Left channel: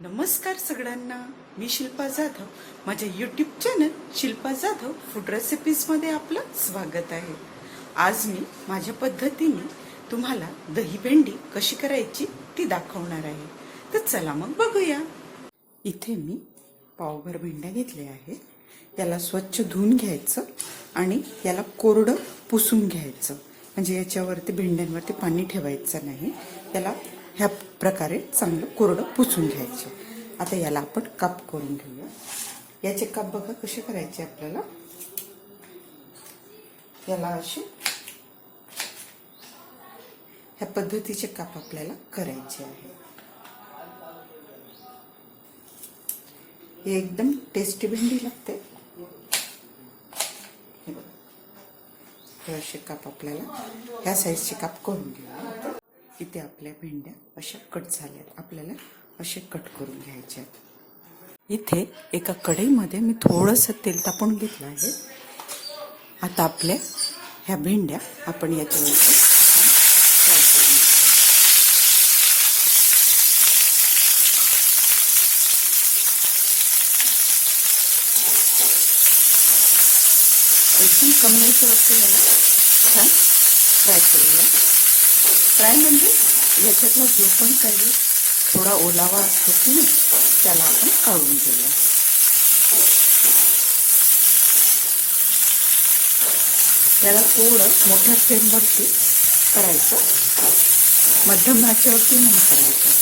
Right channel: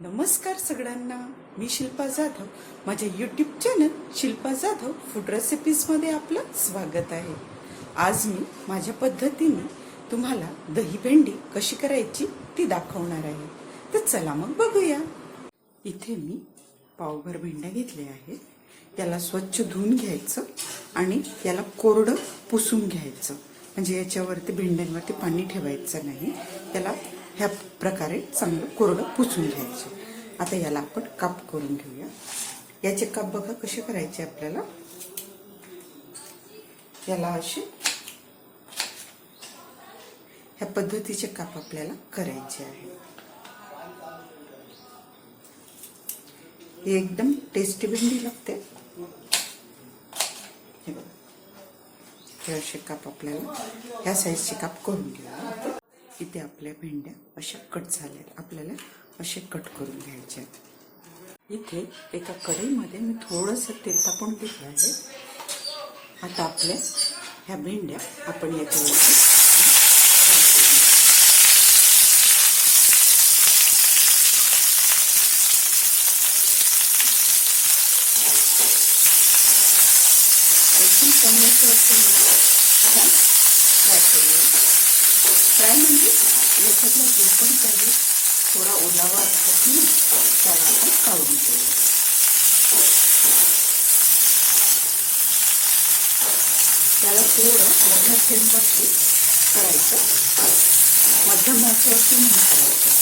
नमस्कार सगळ्यांना. मी शिल्पा जाधव. माझ्या YouTube channel Shilpa Jadhav food रेसिपीजमध्ये आपलं स्वागत आहे. आज मी माझ्या पद्धतीने तुम्हाला दही भेंडी कशी करायची ती दाखवणार आहे. तर चला मग बघूया. इथे मी पावभर भेंड्या घेतल्या आहे त्याला स्वच्छ धुवून घ्यायचं आणि याला कोरडं पुसून घ्यायचं. म्हणजे याच्यावरती भेंड्यांवरती पाणी ठेवायचं नाही. त्याला ह्या प्रकारे चांगलं कोरडं पुसून घ्यायचं. आता याला आपण काप करून घेऊया. याचे काप बघा कसे करायचे आपल्याला. याला असे ह्या पद्धतीचे काप आपल्याला करायचे आहे. हे एकदम टेस्टी भेंडी लागते. हे बघा. हे असे काप आपल्याला ह्या साईजचे काप करून घेऊया. इथे आपल्या भेंड्या अशा कट झाल्यात. आपल्याला असे कट करून घ्यायचे आहेत. इथे एका कढईमध्ये मी थोडंसं तेल तापवून घेतलं आहे. आता आपल्या ह्या भेंड्या आपण याच्यावरती फ्राय एकदम कमी असं असतं मला छान फ्राय करूया. फ्राय म्हणजे याच्यातलं जे पण काही थोडा ओलावा असतो ना त्याला आपण काढून घेऊया. त्याला थोडं मोठ्या फ्लेमवरती करायचं. मध्यम भाषेवरती नाही करायचं.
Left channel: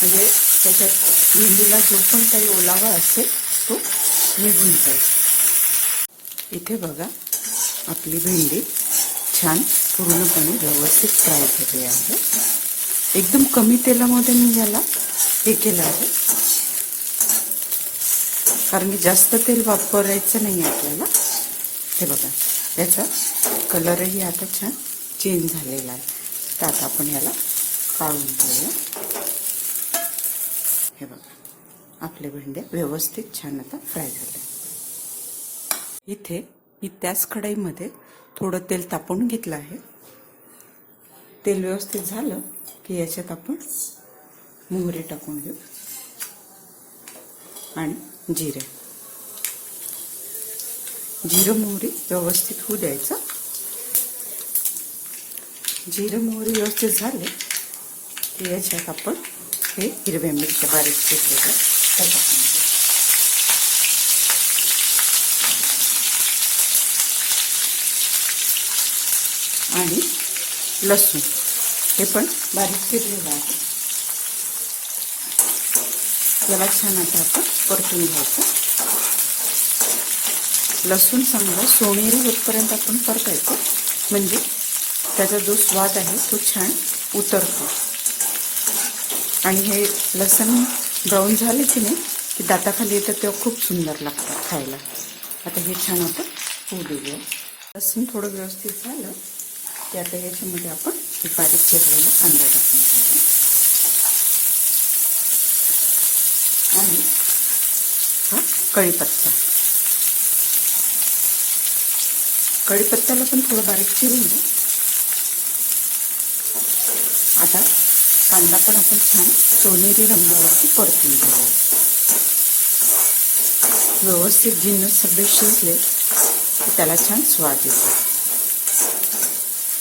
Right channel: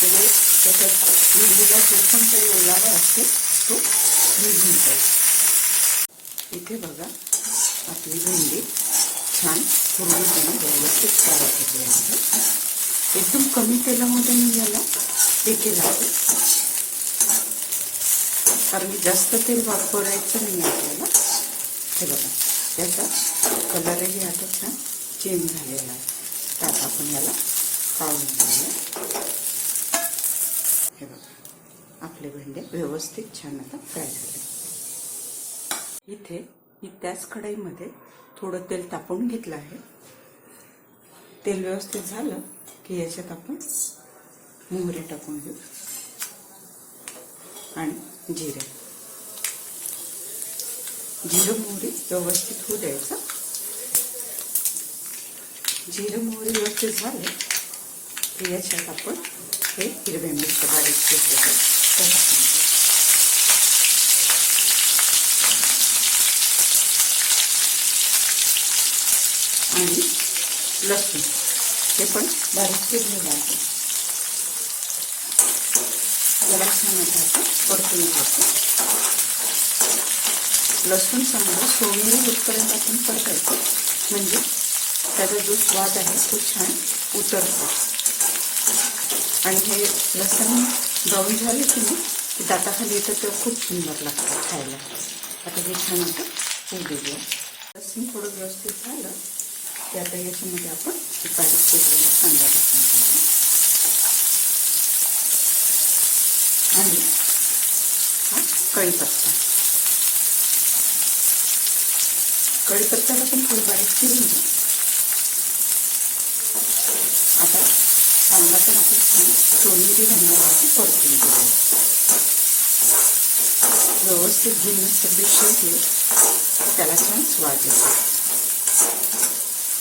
म्हणजे त्याच्यात भेंडीला जो पण काही ओलावा असतो तो निघून जाईल. इथे बघा आपली भेंडी. छान पूर्णपणे व्यवस्थित फ्राय केले आहे. एकदम कमी तेलामध्ये मी याला हे केलं आहे. कारण की जास्त तेल वापरायचं नाही आपल्याला. हे बघा याचा कलरही आता छान चेंज झालेला आहे. तर आता आपण याला काढून घेऊया. हे बघा आपले भेंडे व्यवस्थित छान आता फ्राय झाले. इथे मी त्याच कढईमध्ये थोडं तेल तापवून घेतलं आहे. तेल व्यवस्थित झालं की याच्यात आपण मोहरी टाकून घेऊ आणि जिरे. जिरं मोहरी व्यवस्थित होऊ द्यायचं. जिरं मोहरी व्यवस्थित झाले की याच्यात आपण हे हिरव्या मिरच्या बारीक घेतलेलं टाकून आणि लसूण. हे पण बारीक चिरलेलं आहे. याला छान आता आपण परतून घ्यायचं. लसूण समजा सोनेरी होतपर्यंत आपण परतायचं. म्हणजे त्याचा जो स्वाद आहे तो छान उतरतो. आणि हे लसण जाऊन झाले की नाही की दाताखाली येतं तेव्हा खूप सुंदर लागतं खायला. आता हे छान आपण होऊ देऊया लसूण थोडं व्यवस्थित झालं. आता याच्यामध्ये आपण बारीक केलेला कांदा टाकून घ्यायचा आणि कढीपत्ता. कढीपत्त्याला पण थोडं बारीक केली आता कांदा पण आपण छान सोनेरी रंगावरती परतून घेऊया. व्यवस्थित जिन्नस सगळे शिजले त्याला छान स्वाद येतो.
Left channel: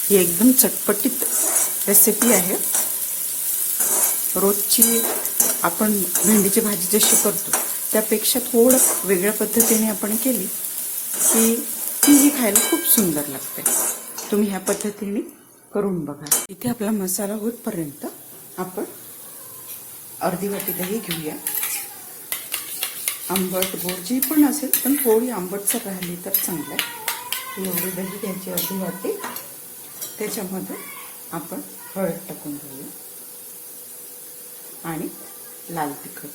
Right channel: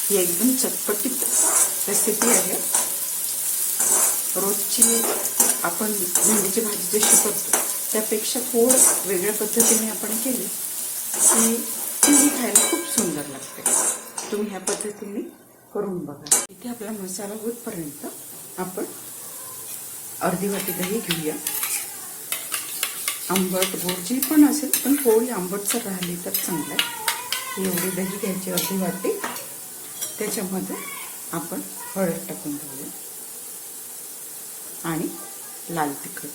ही एकदम चटपटीत रेसिपी आहे. रोजची आपण भेंडीची भाजी जशी करतो त्यापेक्षा थोडं वेगळ्या पद्धतीने आपण केली की तीही खायला खूप सुंदर लागते. तुम्ही ह्या पद्धतीने करून बघा. इथे आपला मसाला होतपर्यंत आपण अर्धी वाटी दही घेऊया. आंबट गोड जी पण असेल पण थोडी आंबटसर राहिली तर चांगलं आहे. एवढी दही घ्यायची अर्धी वाटी. त्याच्यामध्ये आपण हळद टाकून घेऊया. आणि लाल तिखट.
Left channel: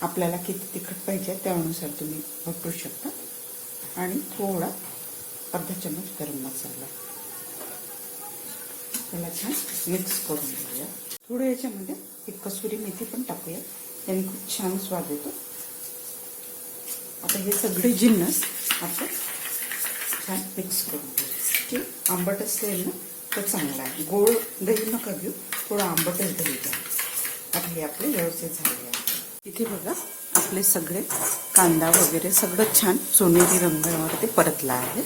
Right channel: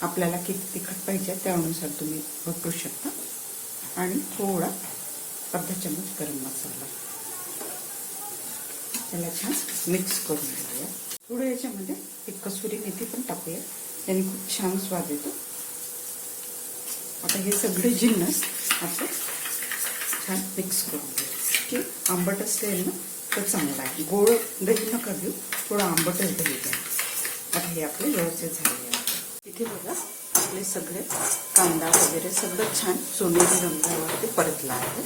आपल्याला किती तिखट पाहिजे त्यानुसार तुम्ही वापरू शकता. आणि थोडा अर्धा चमच गरम मसाला. त्याला छान मिक्स करून घेऊया. थोडं याच्यामध्ये एक कसुरी मेथी पण टाकूया. त्याने खूप छान स्वाद येतो. आता हे सगळे जिन्नस आपण छान मिक्स करून घेऊ की आंबट असेल ना तर चांगला आहे. गोड दही नका घेऊ थोडं आंबटच दही द्या आता हे आपले व्यवस्थित झाले आहे. इथे बघा आपले सगळे कांदा वगैरे सगळं छान सोनेरी रंगावर ते आहे.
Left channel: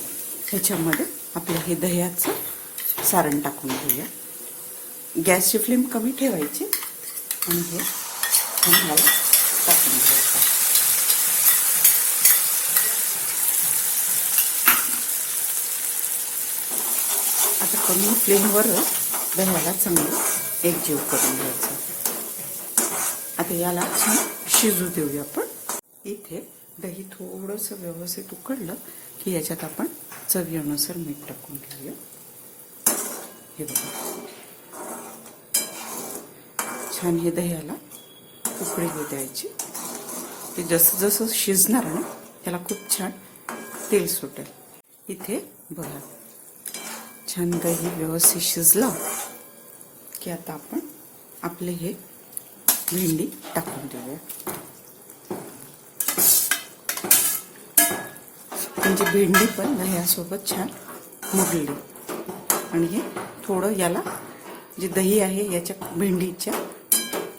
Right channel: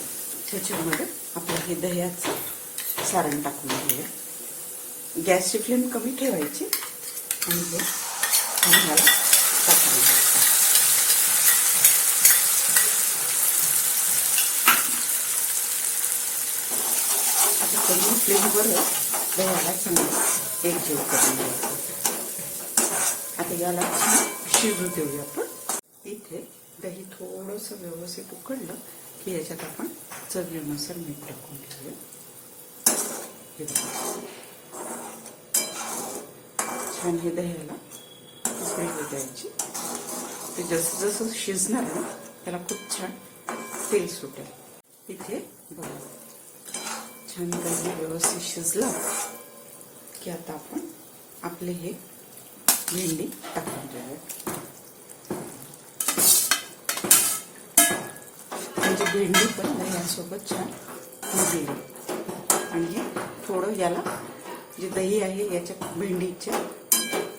ह्याच्यामध्ये आपलं हे दह्याचं सारण टाकून घेऊया. गॅसची फ्लेम कमी ठेवायची आणि हे आम्हाला टाकून घ्यायचं करून कमी फ्लेमवर दह्याला चांगलं एकजीव करून घ्यायचं. आता याला छान शिजू देऊया आपण. इथे दही थोडंसं व्यवस्थित उकडलं की याच्यात आपण चवीनुसार मीठ टाकून घेऊया. हे छान हे दह्याला उकळी द्यायची. ते जसं जसं शिजणार ना त्याला खूप छान तेल सुटेल. इथे बघा. छान दही व्यवस्थित शिजलं की आता आपण आपले हे भेंडी टाकून देऊया. म्हणजे भेंडी पण दह्यासोबत छान मुरली. आणि हे थोडं याला जे दही आहे याच्या भेंडीच्या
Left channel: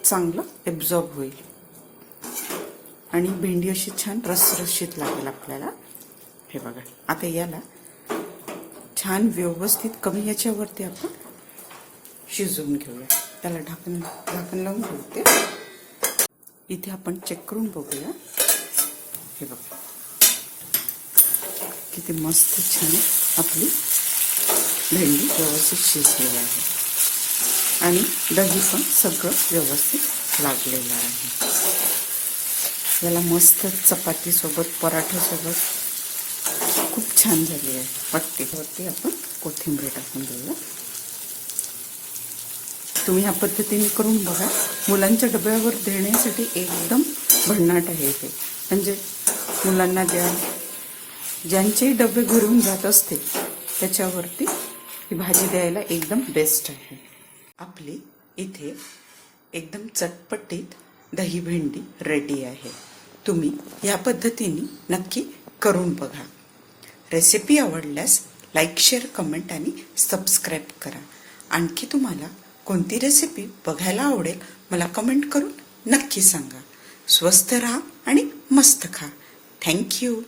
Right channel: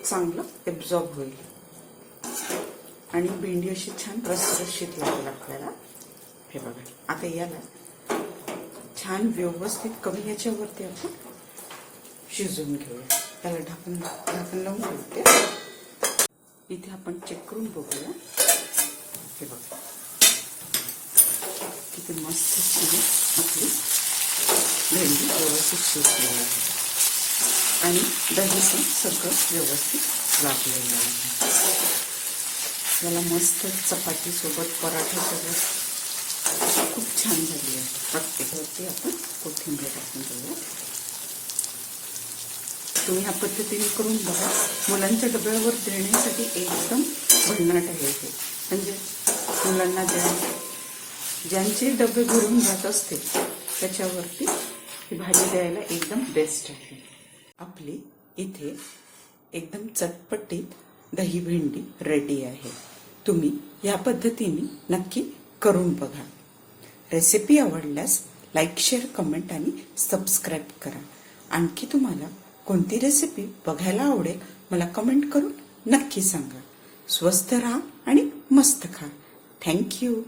चांगलं एब्झॉर्ब होईल. आणि भेंडी अशी छान रसरशीत लागेल आपल्याला. हे बघा आता याला छान व्यवस्थित कमी याच्यावरती आपण शिजवून घेऊया. त्याला ढाकून ढाकून लावून ठेवते. इथे आपण चेक करून बघूया. हे बघा. किती मस्त छान आपली भेंडी व्यवस्थित शिजलेली आहे. आणि दही पण सगळं व्यवस्थित लागलेलं आहे. याला मस्त चपातीसोबत पराठ्यासोबत छान झाली आहे वाटते आपण कोथिंबीर टाकून घेऊया तुम्ही ह्या पद्धतीने करून बघा. मुलांच्या डब्यावर देण्यासाठी एकदम भन्नाट आहे हे. म्हणजे मुलांना ज्या ज्यांचे डबे भरून जात असते त्याच्यावरती ही भाजी द्यायला एकदम बेस्ट आहे. आपली इथे एकदम चटपटीत दही भेंडी रेडी आहे. तुम्ही या पद्धतीने नक्की करून बघा. रेसिपी आवडल्यास लाईक शेअर कमेंट आणि सबस्क्राईब करा. आणखी तुम्हाला कोणती रेसिपी बघायला आवडेल मला कमेंट करून नक्की सांगा. स्वस्थ राहा आणि मस्त खा. थँक्यू